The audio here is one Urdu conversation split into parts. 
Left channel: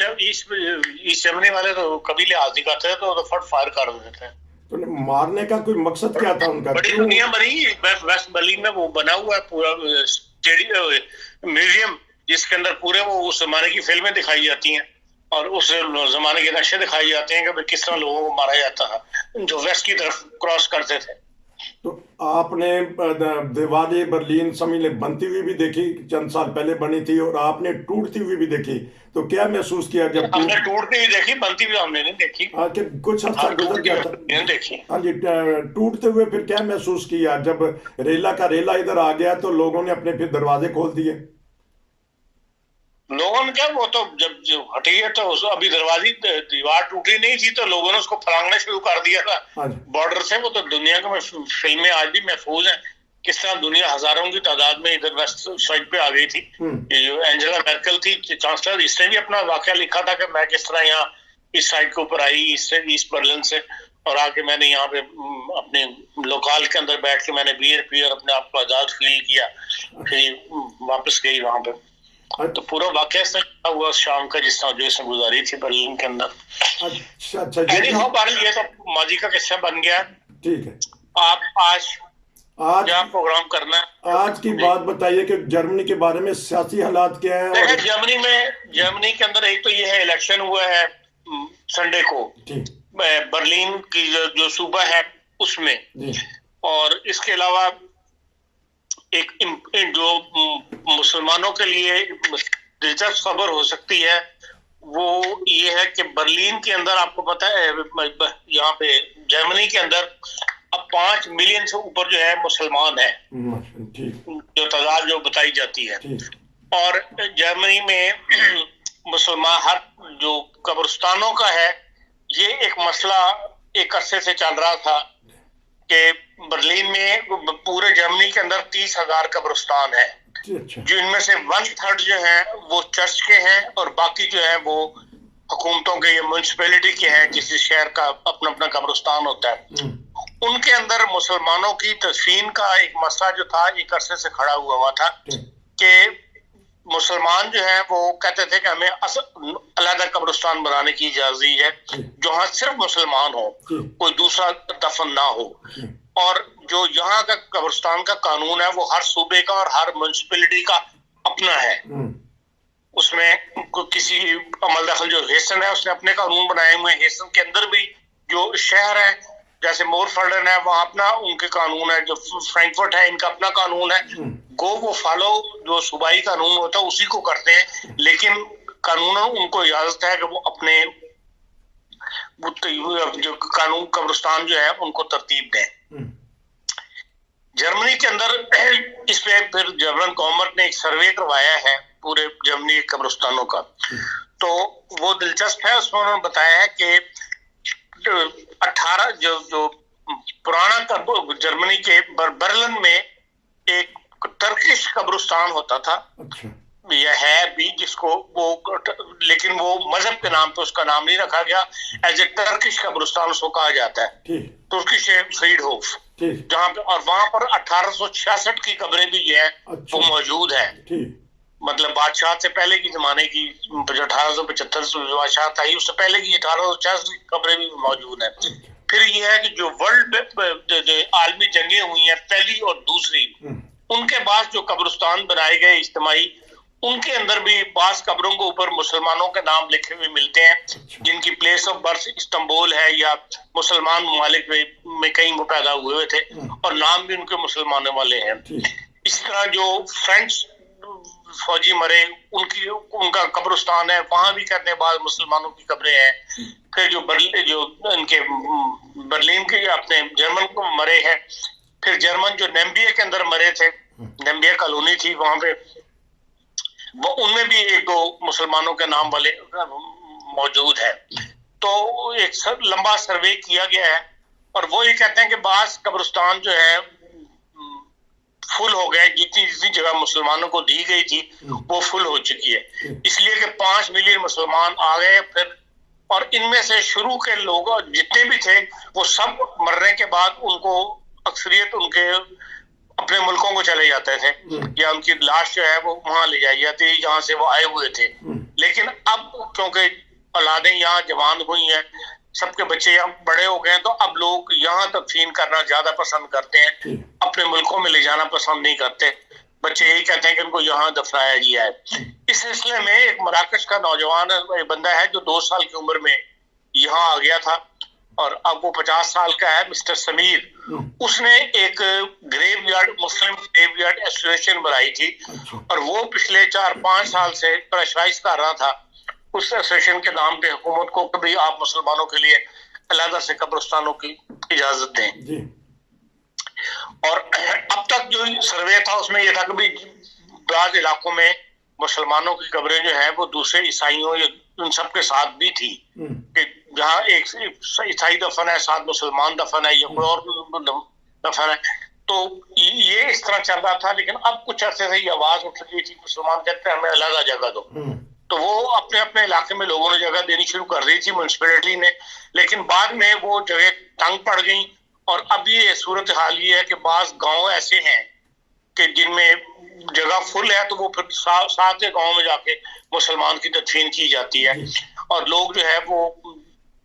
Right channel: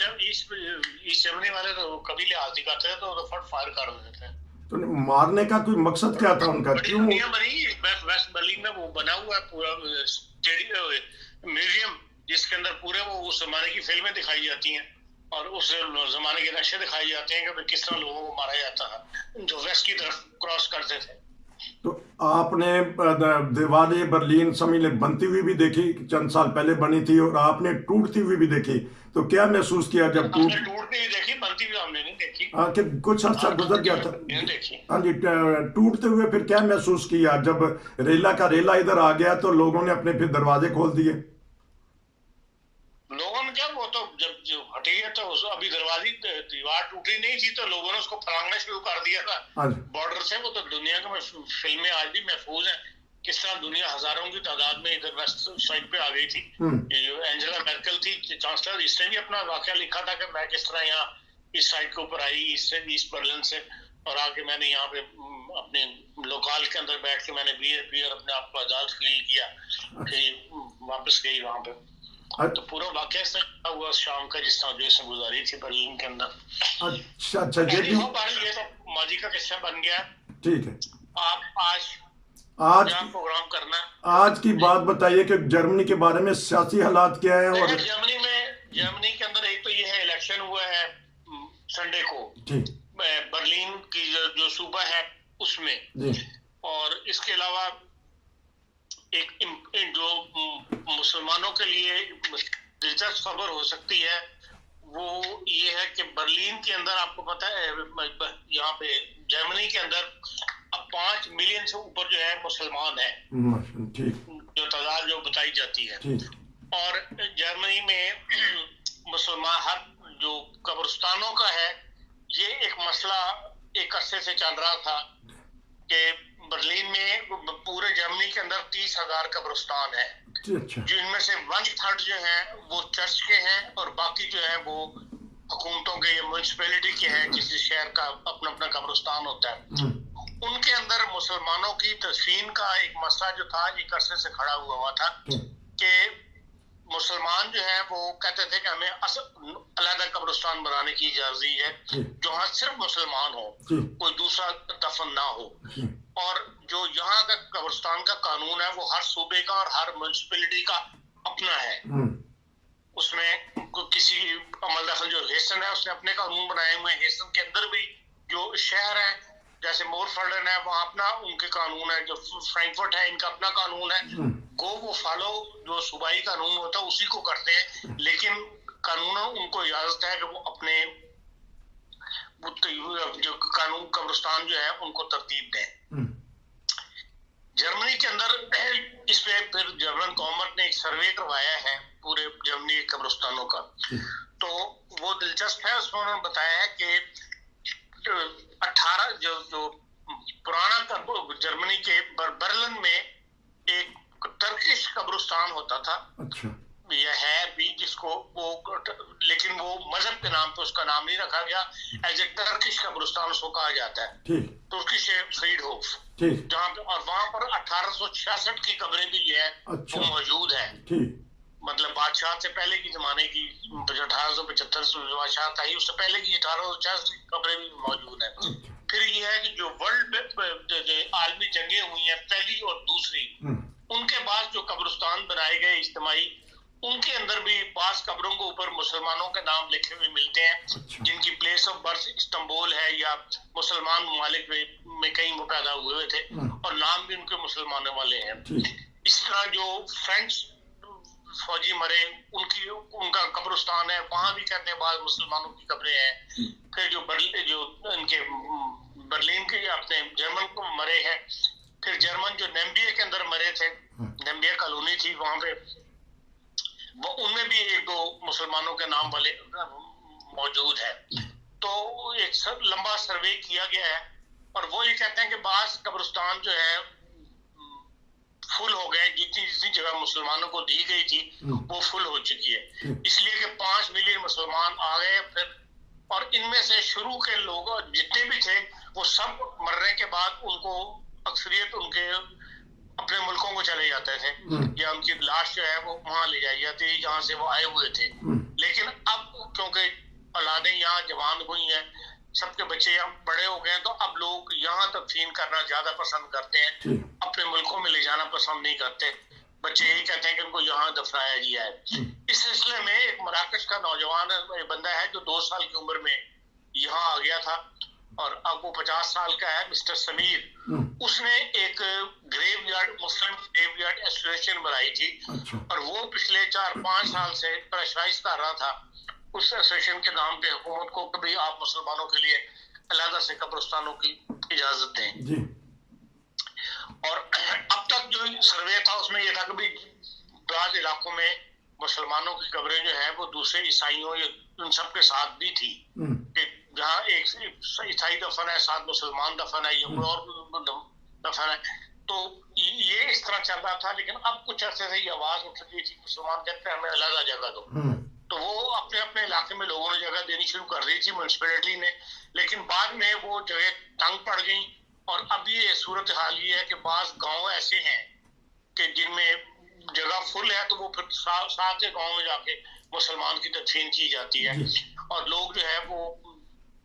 ایسٹ جرمنی والے تو کبھی لحاظ نہیں کرتے تھے، تو فٹ فائر کر دیتے تھے. تو مارنے کا کوئی مقصد کیا تھا ان کا؟ بڑی دنیا بنی ویسٹ برلن میں، وہ بنا ہوا ہے پورا میوزیم، جس کے اندر پورے وہ اس زمانے کی فلمیں دکھائی جاتی ہیں اور اس زمانے کے نقشے دکھائی جاتے ہیں کہ کس طرح لوگوں کو مارا جاتا تھا جو ویسٹ کی طرف کراس کرتے تھے. تو آپ نے دیوار برلین سمجھ لیں بنتی ہوئی بھی دیکھی، چند سال پہلے بنی تھی، اور آپ نے ٹوٹتی ہوئی بھی دیکھی، تو کیا محسوس کیا جب ہم نے ٹوٹتی ہوئی دیکھی، بنتی ہوئی ہم نے نہیں دیکھی. ہاں کہ کچھ عرصہ گزر گیا تھا. ہاں جی، ٹوٹتے ہوئے پھر کیا محسوس کیا جب ریلا کا ریلا ادھر آ گیا تو لوگوں نے اپنے پھر دروازے کھول دیے؟ لوگوں نے کیا، وہ تو جب ہٹی ہے تو ابھی دروازے دیوار ٹوٹی نہیں تھی تو لوگوں نے اس کو پھلانگنا شروع کر دیا تھا بارڈر سے. وہ تو دنیا کے فلمیں آج بھی محفوظ ہیں، کس طرح دنیا ہزاروں کی تعداد میں ادھر ویسٹ سائڈ پہ آ گئی تھی. یہ جو اینجلا میرکل تھی چانسلر، اس نے بھی اپنا واقعہ لکھا تھا کہ میں کس طرح یہاں اس سائڈ کے اوپر آئی ایسٹ برلن سے، اور آ کے میں نے یہاں پہ اپنے لوکال کے اندر بیٹھ کے میں نے بیئر پی اور اپنے آپ کو آزاد فیل کیا، پھر واپس گئی وہاں پہ. تو پورا واقعہ اس طرح ہوا شام کا، جس طرح جو اس نے گزاری تھی برلن کے اندر. اچھا یہ تو ماضی کا قصہ بن گیا. ٹھیک ہے، آپ آج کیا پروگرام کرنا ہے؟ آج کی بات بتائیے کہ جرمنی کے بارے میں سیاسی حالات کیا ہے. اور جرمنی کے اندر ایک تو یہ ہے الیکشن ہوا ہے سنڈے کو برلین کی جو صوبہ ہے اس میں، اور اس کے علاوہ ایک جو مسلمانوں کے لیے دلچسپ خبر ہو سکتی ہے وہ یہ ہے کہ برلین کے اندر آپ کو پتہ ہے یہاں پہ جرمنی کے اندر اب 5 ملین سے اوپر جو ہے مسلمان ہیں، جو تعداد جو بتائی جاتی ہے. اور جرمنی میں مسلمان ہر جو قبرستانوں کا ہے، یہ ایک مسئلہ ایک عرصے سے چل رہا تھا کہ برلین میں پورے جرمنی کے اندر 30,000 قبرستان ہیں، جو ان میں سے 1/3 جو ہیں وہ چرچ کے ہیں اور باقی جو ہیں وہ حکومتوں کے یا میونسپلٹی کے ہیں. کسی شہر کا اپنا اپنا قبرستان ہوتا ہے. ان کے اندر مسلمانوں کی تدفین کا ایک مسئلہ جو تھا ایک عرصے سے کھڑا ہوا تھا کہ مسلمان جو ہیں وہ کہتے تھے کہ ہمیں علیحدہ قبرستان بنانے کی اجازت ہے جہاں صرف مسلمان ہو، کوئی دوسرا دفن نہ ہو. اور جو یہاں کا قبرستان کا قانون ہے وہ ہر صوبے کا اور ہر میونسپلٹی کا اپنا ہے. اس میں کسی عمل دخل جو ہیسن ہے اس نے اپنے قانون بنائے ہوئے ہیں. ہیسن کے اندر بھی جو شہر ہے جیسے مورفلڈن ہے وہاں اپنا ان کے قانون ہے، جو فرینکفرٹ ہے ان کا اپنا قانون ہے. وہ فالو جو صوبائی قانون ہوتا ہے اسی کو کرتے ہیں، لیکن قانون ان کو اجازت ہے کہ وہ اپنے جو قانون قبرستان جو ہے ان کو ترتیب دیں. جرمنی کے اندر اس پہ پھر جرمن گورنمنٹ نے ایک سروے کروایا ہے پورے جرمنی قبرستانوں کا، تو وہ دلچسپ ہے. اس میں انہوں نے بتایا ہے کہ 18 جو پرانا جرمنی کے برلن میں ایک ٹرکش قبرستان ہوتا تھا، یہ ہے بھی جس کو وہ، لیکن وہ مذہب کے نام پہ اس کا نام نہیں رکھا گیا، ایز اے ٹرکش قبرستان اس کو کہا جاتا ہے، ترکش فریڈ ہوف، جہاں پہ اور وہاں پر 1866 کی قبریں بھی جو ہیں وہ موجود ہیں. مطلب بادشاہ سے پہلے کی زمانے کی 1875 بادشاہ تھا اس سے پہلے کی 1866 کی قبریں بھی موجود ہیں. پھر یہ ہے کہ جو ورلڈ عالمی جنگیں ہوئی ہیں پہلی اور دوسری، ان کے بعد جو قبرستان بنائے گئے اجتماعی، ان کے اندر بھی بعض قبروں کے اوپر مسلمانوں کے نام لکھے ہوئے ملتے ہیں جن کی پلیس آف برتھ استنبول ہے یا مسلمان ممالک میں کہیں وہ پیدا ہوئے تھے اور نام بھی ان کے مسلمانوں والے ہیں. اسی طرح جو فرینچ فوجی مرے ان کا قبرستان ہے، وہاں بھی کہتے ہیں بعض مسلمانوں کی قبریں ہیں. پھر جو ان کے برلین کے اپنے جرمن کو مرے ہیں، پھر جرمن جو نیمبیا کے اندر مرے تھے، نیمبیا کالونی تھی وہاں پہ، وہ ان میں بھی 1-2 مسلمانوں کے نام والے موجود ہیں. تو ایک لمبا سروے کیا گیا ہے اور وہ یہ کہتے ہیں کہ بعض قبرستان جو ہے فل ہو گئے، جتنی جگہ مسلمانوں کو دی گئی تھی وہ فل ہو چکی ہے، اس لیے کہ 5 ملین مسلمان آ گئے پھر. اور ان میں سے شروع کے لوگ جتنے بھی تھے وہ سب مرنے کے بعد ان کو اکثریت ان کے اپنے ملکوں کو چلے جاتے تھے یا ان کی لاش جو ہے وہ وہاں لے جائی جاتی ہے جہاں سے وہ آئے ہوئے تھے. لیکن اب کیونکہ اولادیں یہاں جوان ہوئی ہیں, سب کے بچے اب بڑے ہو گئے ہیں, تو اب لوگ یہاں تدفین کرنا زیادہ پسند کرتے ہیں, اپنے ملکوں میں لے جانا پسند نہیں کرتے. بچے یہی کہتے ہیں کہ ان کو یہاں دفنایا گیا ہے. اس سلسلے میں ایک مراکش کا نوجوان بندہ ہے جو 2 سال کی عمر میں یہاں آ گیا تھا اور اب وہ 50 سال کا ہے, مسٹر سمیر. اس نے ایک گریو یارڈ, مسلم گریو یارڈ ایسوسیشن بنائی تھی اور وہ پچھلے 4-5 سال سے پریشرائز کر رہا تھا اس ایسوسیشن کے نام پہ حکومت کو کہ بھئی آپ مسلمانوں کے لیے علیحدہ سے قبرستانوں کی اجازت دیں. اور اب تک جو سروے تھا اس میں یہ تھا کہ بھئی بعض علاقوں میں مسلمانوں کی قبریں جو ہیں وہ دوسرے عیسائیوں یا ان سب کے ساتھ بھی تھی, کہ جہاں ایک عیسائی دفن ہے, ساتھ مسلمان دفن ہے یا کوئی اور دفن ہے. تو یہ اس طرح چل رہا تھا. لیکن اب کچھ عرصے سے یہ آواز اٹھ رہی تھی مسلمان کہتے ہیں ہمیں علیحدہ جگہ دو, تو وہ اپنے اپنے علاقے میں لوگوں نے جگہ دینی شروع کر دی تھی, میونسپلٹی نے. لیکن بعد میں وہ جگہ تنگ پڑ گئیں اور اب یہ صورتحال یہ ہے کہ بعض گاؤں ایسے ہیں کہ جن میں جگہ فل ہے تو وہ پھر ساتھ کے گاؤں میں جا کے مسلمان کی تدفین کی جاتی ہے, اور لوگ جو ہے وہ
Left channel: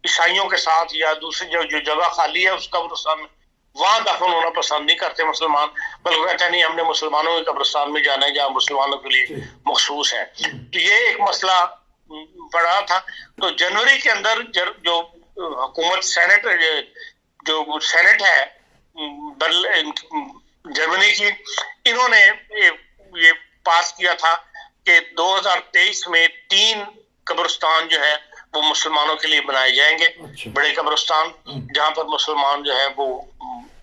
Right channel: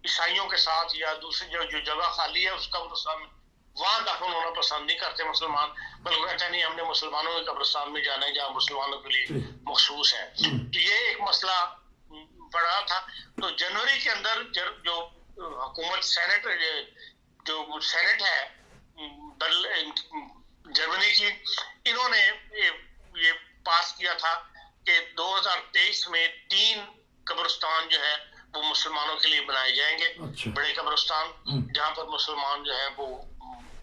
عیسائیوں کے ساتھ یا دوسری جو جگہ خالی ہے اس قبرستان میں وہاں دفن ہونا پسند نہیں کرتے مسلمان, بلکہ کہتے ہیں نہیں ہم نے مسلمانوں کے قبرستان میں جانا ہے جہاں مسلمانوں کے لیے مخصوص ہے. تو یہ ایک مسئلہ پڑا تھا. تو جنوری کے اندر جو حکومت سینٹ ہے جرمنی کی, انہوں نے یہ پاس کیا تھا کہ 2023 میں 3 قبرستان جو ہے وہ مسلمانوں کے لیے بنائے جائیں گے, بڑے قبرستان جہاں پر مسلمان جو ہے وہ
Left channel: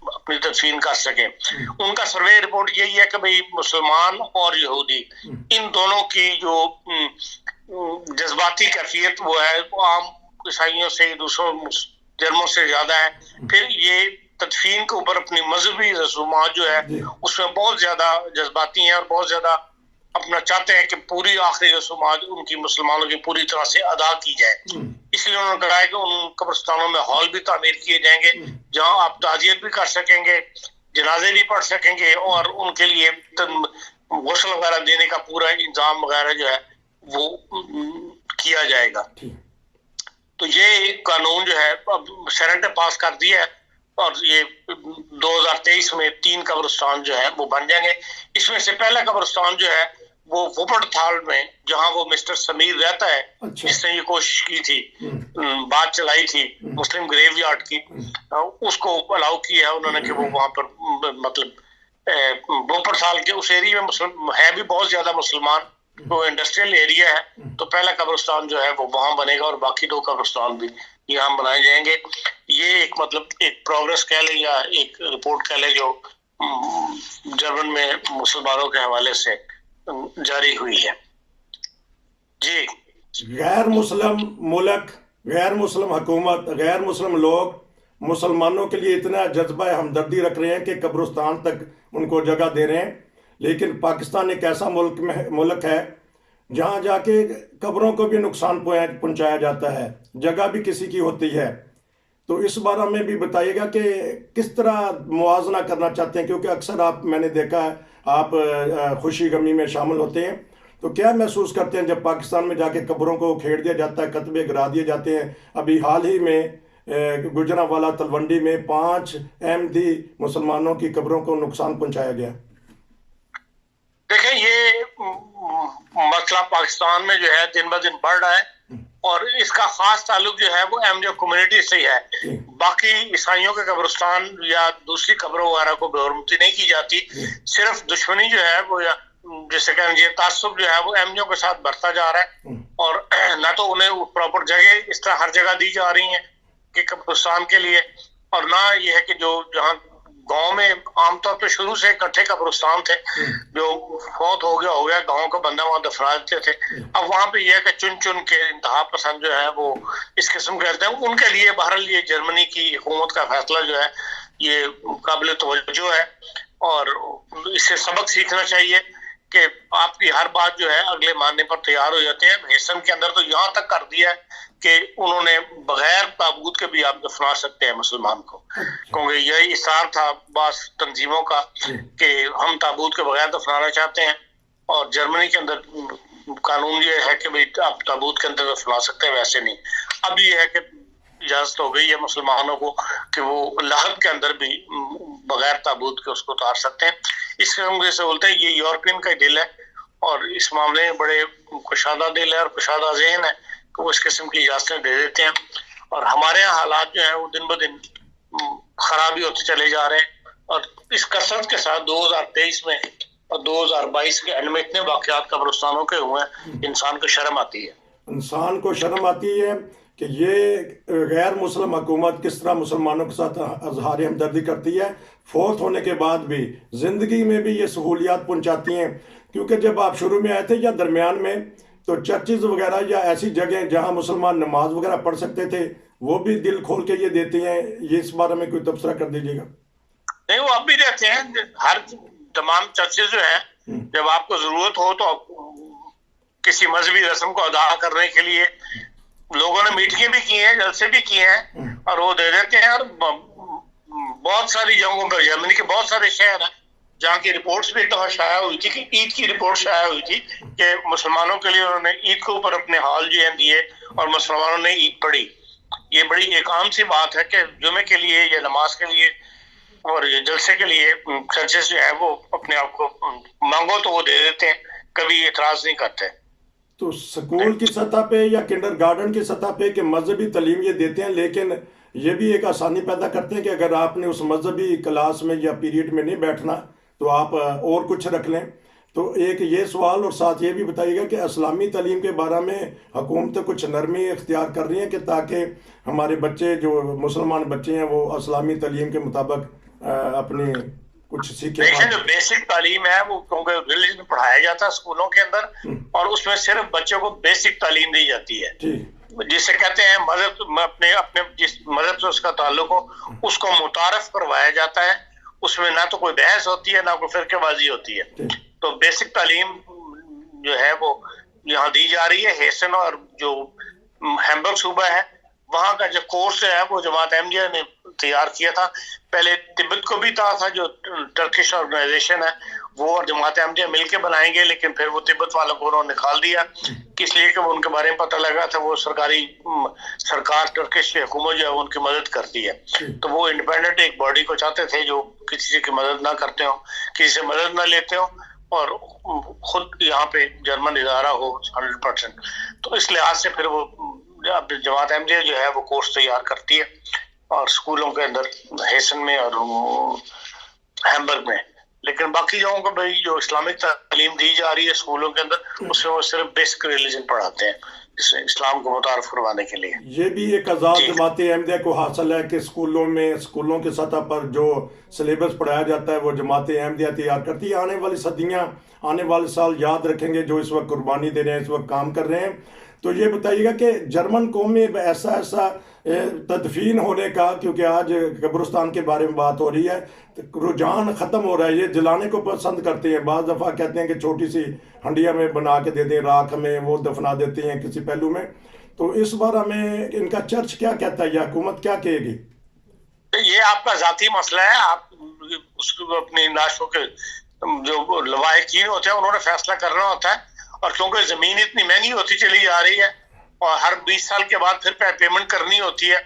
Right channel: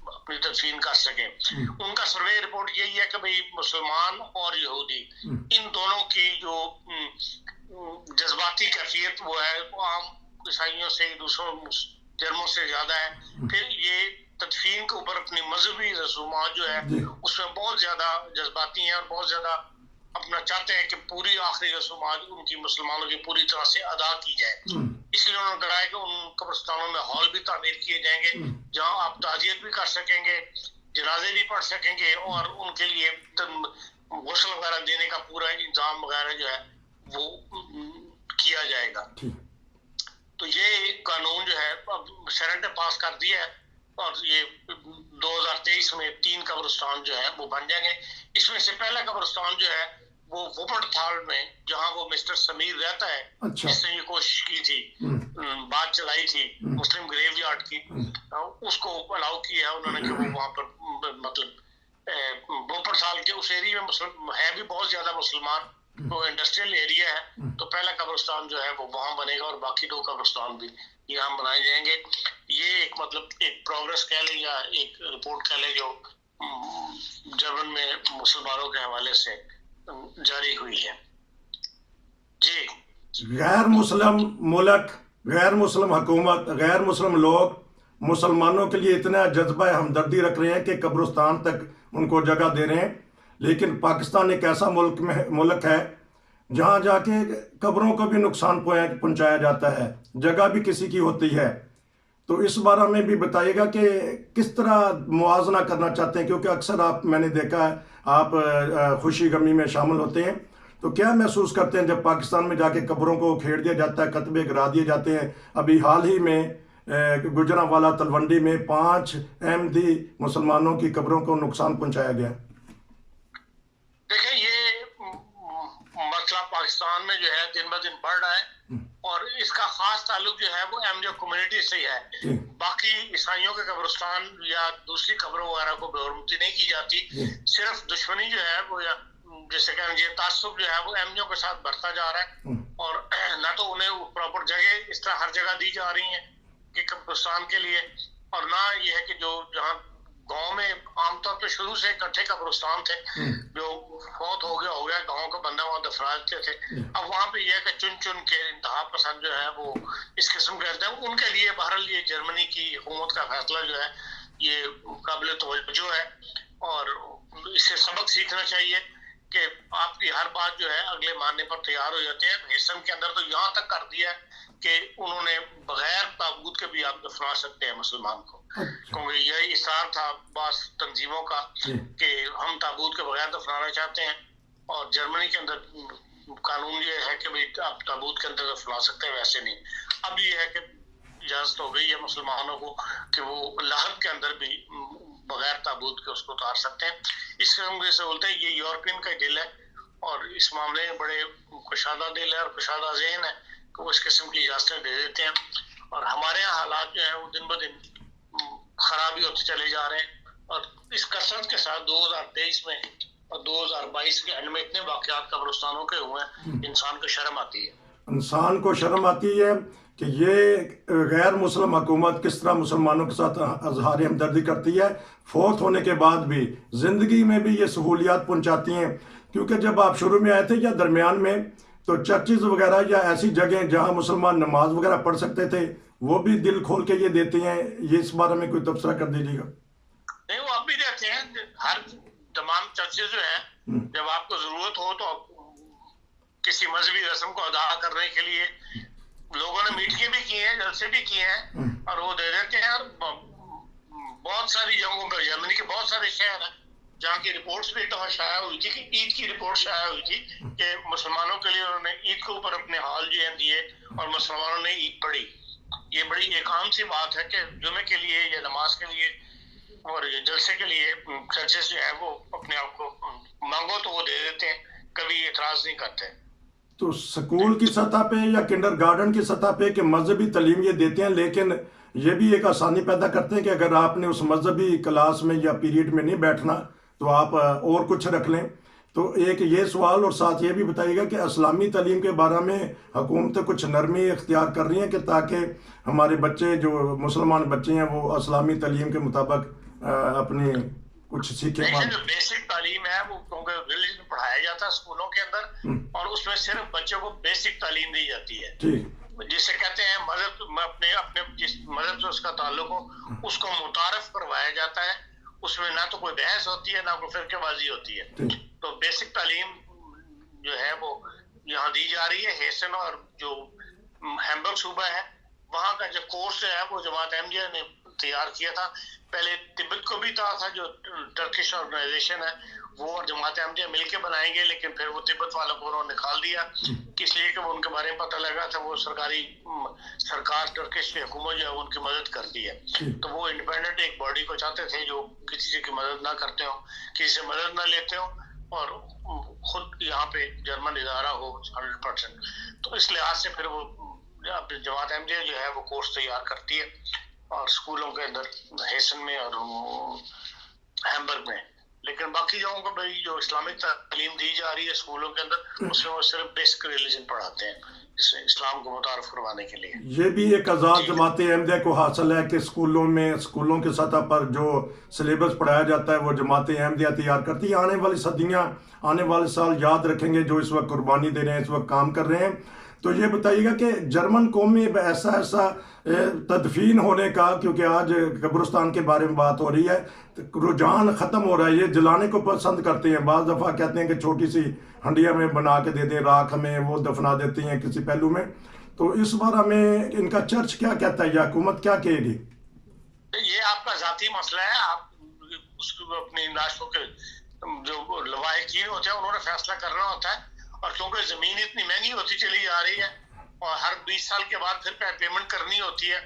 اپنی تدفین کر سکیں. ان کا سروے رپورٹ یہی ہے کہ بھئی مسلمان اور یہودی ان دونوں کی جو جذباتی کیفیت وہ ہے وہ عام عیسائیوں سے دوسروں جرموں سے زیادہ ہے. پھر یہ تدفین کے اوپر اپنی مذہبی رسومات جو ہے اس میں بہت زیادہ جذباتی ہیں اور بہت زیادہ اپنا چاہتے ہیں کہ پوری آخری رسومات ان کی مسلمانوں کی پوری طرح سے ادا کی جائے. اس لیے انہوں نے کہا ہے کہ ان قبرستانوں میں ہال بھی تعمیر کیے جائیں گے جہاں آپ تعزیت بھی کر سکیں گے, جنازے بھی پڑھ سکیں گے, اور ان کے لیے غسل وغیرہ دینے کا پورا انتظام وغیرہ جو ہے وہ کیا جائے گا. تو یہ قانون جو ہے اب سینٹ نے پاس کر دیا ہے اور یہ 2023 میں 3 قبرستان جو ہے وہ بن جائیں گے. اس میں سے پہلا قبرستان جو ہے وہ وپڑ تھال میں جہاں وہ مسٹر سمیر رہتا ہے, جس نے یہ کوشش کی تھی, بات چلائی تھی مسلم گریو یارڈ کی, اس کو الاؤ کیا ہے انہوں نے کہ وہ وہاں پر مطلب وپڑ تھال کے اس ایریے میں ہے بھی بہت زیادہ مسلمان, تو انڈسٹریل ایریا ہے, تو پہلا قبرستان جو ہے وہ وہاں بنے گا اور باقی 2 قبرستان بھی یہاں بنائے جائیں گے. یہ ایک مطلب ایک پروگرس کہہ لیں یا ایک رپورٹ کہہ لیں جو جرمن میں مسلمانوں کے حوالے سے جاری ہوئی ہے. جی, غیر مسلم ملک, غیر مسلم حکومت, غیر مسلم لوگ مسلمانوں کے لیے اتنا جذبہ ہمدردی رکھ رہے ہیں کہ قبرستان تک ان کو جگہ دے رہے ہیں, لیکن پاکستان ایک ایسا ملک ہے جہاں جا کے قبروں کو بھی نقصان پہنچایا جاتا ہے, جگہ بھی کسی کی ہوتی ہے. تو اس بارے میں بھی بتائیے گا کہ کس طرح موازنہ کرنا چاہتے ہیں, کیونکہ اکثر میں نے دیکھا ہے آپ خوشی غمی میں شامل ہوتے ہیں, تو کیا محسوس کرتے ہیں جب پاکستان میں جا کے قبروں کو کھیڑ دیا جاتا ہے, کتبے گرا دیے جاتے ہیں. ابھی حال ہی میں گجرانوالہ تلونڈی میں 5 احمدی مسلمانوں کی قبروں کو نقصان پہنچایا گیا. دیکھیں یہ مسئلہ پاکستان میں جو ہے دن بہ دن بڑھ رہا ہے اور اس کا خاص تعلق جو ہے وہ احمدیہ کمیونٹی سے ہی ہے. باقی عیسائیوں کے قبرستان یا دوسری قبروں وغیرہ کو بے حرمتی نہیں کی جاتی, صرف دشمنی جو ہے وہ جیسے کہ یہ تعصب جو ہے وہ احمدیوں کے ساتھ بڑھتا جا رہا ہے, اور نہ تو انہیں پراپر جگہ اس طرح ہر جگہ دی جا رہی ہیں کہ قبرستان کے لیے, اور نہ یہ ہے کہ جو جہاں گاؤں میں عام طور پہ شروع سے اکٹھے قبرستان تھے, جو فوت ہو گیا گاؤں کا بندہ وہاں دفنا دیتے تھے. اب وہاں پہ یہ ہے کہ چن کے انتہا پسند جو ہے وہ اس قسم کے رہتے ہیں. ان کے لیے بہرحال یہ جرمنی کی حکومت کا فیصلہ جو ہے یہ قابل توجہ ہے, اور اس سے سبق سیکھنا چاہیے کہ آپ کی ہر بات جو ہے اگلے ماننے پر تیار ہو جاتے ہیں. ہیسن کے اندر تو یہاں تک کر دیا ہے کہ انہوں نے بغیر تابوت کے بھی آپ دفنا سکتے ہیں مسلمان کو, کیونکہ یہی اصرار تھا بعض تنظیموں کا کہ ہم تابوت کے بغیر دفنانا چاہتے ہیں. اور جرمنی کے اندر قانون یہ ہے کہ آپ تابوت کے اندر دفنا سکتے ہیں, ویسے نہیں. اب یہ ہے کہ اجازت ہو گئی ہے مسلمانوں کو کہ وہ لحد کے اندر بھی بغیر تابوت کے اس کو اتار سکتے ہیں. اس قسم سے بولتے ہیں یہ یورپین کا دل ہے اور اس معاملے میں بڑے کشادہ دل ہے اور کشادہ ذہن ہے کہ وہ اس قسم کی اجازتیں دے دیتے ہیں. اور ہمارے یہاں حالات جو ہیں وہ دن بدن خرابی ہوتے چلے جا رہے ہیں, اور اس کثرت کے ساتھ 2023 میں اور 2022 کے اینڈ میں اتنے واقعات قبرستانوں کے ہوئے ہیں, انسان کو شرم آتی ہے. انسان کو شرم آتی ہے کہ یہ غیر مسلم حکومت کس طرح مسلمانوں کے ساتھ اظہار ہمدردی کرتی ہے, فوت ہونے کے بعد بھی زندگی میں بھی یہ سہولیات پہنچاتی ہیں. کیونکہ جب آپ شروع میں آئے تھے یا درمیان میں, تو چرچز وغیرہ یا ایسی جگہیں جہاں مسلمان نماز وغیرہ پڑھ سکتے تھے وہ بھی دل کھول کے یہ دیتے ہیں. یہ اس بارے میں کوئی تبصرہ کر دیجیے گا. نہیں, وہ اب بھی دیتے ہیں. ہر تمام چرچز جو ہیں جب آپ کو ضرورت ہو تو کسی مذہبی رسم کو ادا کرنے کے لیے لوگوں نے میٹنگیں بھی کی ہیں, جلسے بھی کیے ہیں, اور وہ دے دیتے ہیں. اور بہت ساری جگہوں پر جرمنی کے بہت سارے شہر ہیں جہاں کی رپورٹس بھی ایک دفعہ شائع ہوئی تھی کہ عید کی رپورٹ شائع ہوئی تھی کہ مسلمانوں کے لیے انہوں نے عید کے اوپر اپنے ہال جو ہیں دیے اور مسلمانوں نے عید پڑھی. یہ بڑی ایک عام سی بات ہے کہ جمعے کے لیے یا نماز کے لیے اور یہ جلسے کے لیے چرچز جو ہیں وہ اپنے آپ کو مانگو تو وہ دے دیتے ہیں, کبھی اعتراض نہیں کرتے. تو سکول کی سطح پہ یا کنڈر گارڈن کی سطح پہ کہ مذہبی تعلیم یہ دیتے ہیں, لیکن یہ بھی ایک آسانی پیدا کرتے ہیں کہ اگر آپ نے اس مذہبی کلاس میں یا پیریڈ میں نہیں بیٹھنا تو آپ اور کچھ رکھ لیں. تو ایک یہ سوال, اور ساتھ یہ بھی بتائیے گا کہ اسلامی تعلیم کے بارے میں حکومتیں کچھ نرمی اختیار کر رہی ہیں کہ تاکہ ہمارے بچے جو مسلمان بچے ہیں وہ اسلامی تعلیم کے مطابق اپنی کچھ سیکھیں. جو بیسک تعلیم ہے وہ کیونکہ ریلیجن پڑھایا جاتا ہے اسکولوں کے اندر, اور اس میں صرف بچوں کو بیسک تعلیم دی جاتی ہے جسے کہتے ہیں مذہب, اپنے جس مذہب سے اس کا تعلق ہو اس کو متعارف کروایا جاتا ہے. اس میں نہ تو کوئی بحث ہوتی ہے نہ کوئی فرقے بازی ہوتی ہے. تو بیسک تعلیم جو ہے وہ یہاں دی جا رہی ہے. ہیسن اور جو ہیمبرگ صوبہ ہے وہاں کا جو کورس ہے وہ جماعت احمدیہ نے تیار کیا تھا. پہلے تبت کو بھی تھا جو ٹرکش آرگنائزیشن ہے وہ اور جماعت احمدیہ مل کے بنائیں گے, لیکن پھر وہ تبت والوں کو انہوں نے نکال دیا, اس لیے کہ ان کے بارے میں پتہ لگا تھا وہ سرکار ٹرکش کی حکومت جو ہے ان کی مدد کرتی ہے. تو وہ انڈیپینڈنٹ ایک باڈی کو چاہتے تھے جو کسی کی مدد نہ کرتے ہوں, کسی سے مدد نہ لیتے ہوں, اور خود یہاں پہ جرمن ادارہ ہو 100%. تو اس لحاظ سے پھر وہ جماعت احمدیہ جو ہے وہ کورس تیار کرتی ہے اور اسکولوں کے اندر ہیسن میں اور ہیمبرگ میں. لیکن باقی جگہوں کو بھائی جو اسلامک تعلیم دی جا رہی ہے اسکولوں کے اندر اس میں وہ صرف بیسک ریلیجن پڑھاتے ہیں اسلام کو متعارف کروانے کے لیے. یہ بھی ایک آزاد جماعت احمدیہ کو حاصل ہے کہ اسکولوں کے سطح پر جو سلیبس پڑھایا جاتا ہے وہ جماعت احمدیہ تیار کرتی ہے. آنے والی صدیاں, آنے والے سال یاد رکھیں گے جو اس وقت قربانی دے رہے ہیں, اس وقت کام کر رہے ہیں. تو یہ بتائیے گا کہ جرمن قوم میں ایسا تدفین ہونے کا, کیونکہ آج قبرستان کے بارے میں بات ہو رہی ہے, رجحان ختم ہو رہا ہے. یہ جلانے کو پسند کرتے ہیں. بعض دفعہ کہتے ہیں کہ چھوٹی سی ہنڈیا میں بنا کے دے دیں, راکھ میں وہ دفنا دیتے ہیں کسی پہلو میں. تو اس بارے میں ان کا چرچ کیا کہتا ہے یا حکومت کیا کہے گی؟ یہ آپ کا ذاتی مسئلہ ہے. آپ اس کو اپنی لاشوں کے جو لواحقین ہوتے ہیں انہوں نے فیصلہ کرنا ہوتا ہے. اور کیونکہ زمین اتنی مہنگی ہوتی چلی جا رہی ہے اور ہر 20 سال کے بعد پھر پیمنٹ کرنی ہوتی ہے,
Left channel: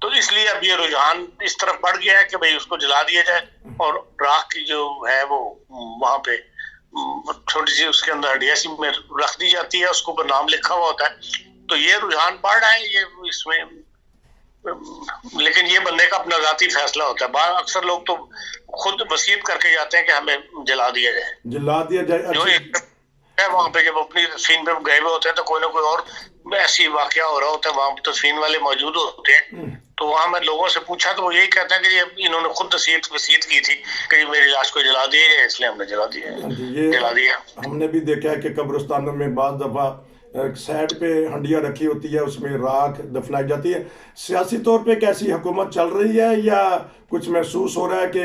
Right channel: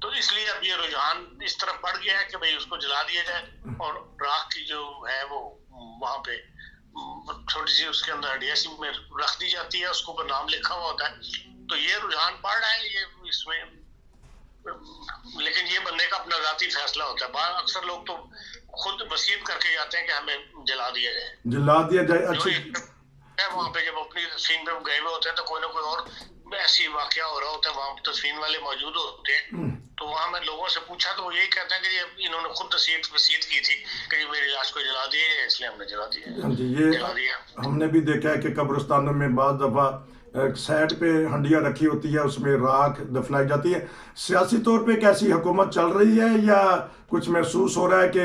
تو اس لیے اب یہ رجحان اس طرف بڑھ گیا ہے کہ بھئی اس کو جلا دیا جائے اور راکھ کی جو ہے وہ وہاں پہ چھوٹی سی اس کے اندر ہڈیا سی میں رکھ دی جاتی ہے, اس کو اوپر نام لکھا ہوا ہوتا ہے. تو یہ رجحان بڑھ رہا ہے یہ اس میں, لیکن یہ بندے کا اپنا ذاتی فیصلہ ہوتا ہے. اکثر لوگ تو خود وصیت کر کے جاتے ہیں کہ ہمیں جلا دیا جائے. وہاں پہ جب اپنی تدفین پہ گئے ہوئے ہوتے ہیں تو کوئی نہ کوئی اور ایسی واقعہ ہو رہا ہوتا ہے, وہاں پہ تدفین والے موجود ہوتے ہیں. تو وہاں میں لوگوں سے پوچھا تو وہ یہی کہتے ہیں کہ انہوں نے خود وصیت کی تھی کہ میری لاش کو جلا دیا ہے, اس لیے ہم نے جلا دیا. ہم نے بھی دیکھا ہے کہ قبرستانوں میں بعض دفعہ سائڈ پہ ہنڈیا رکھی ہوتی ہے, اس میں راکھ دفنائی جاتی ہے. سیاسی طور پہ کیسی حکومت چل رہی ہے یا کچھ محسوس ہو رہا ہے کہ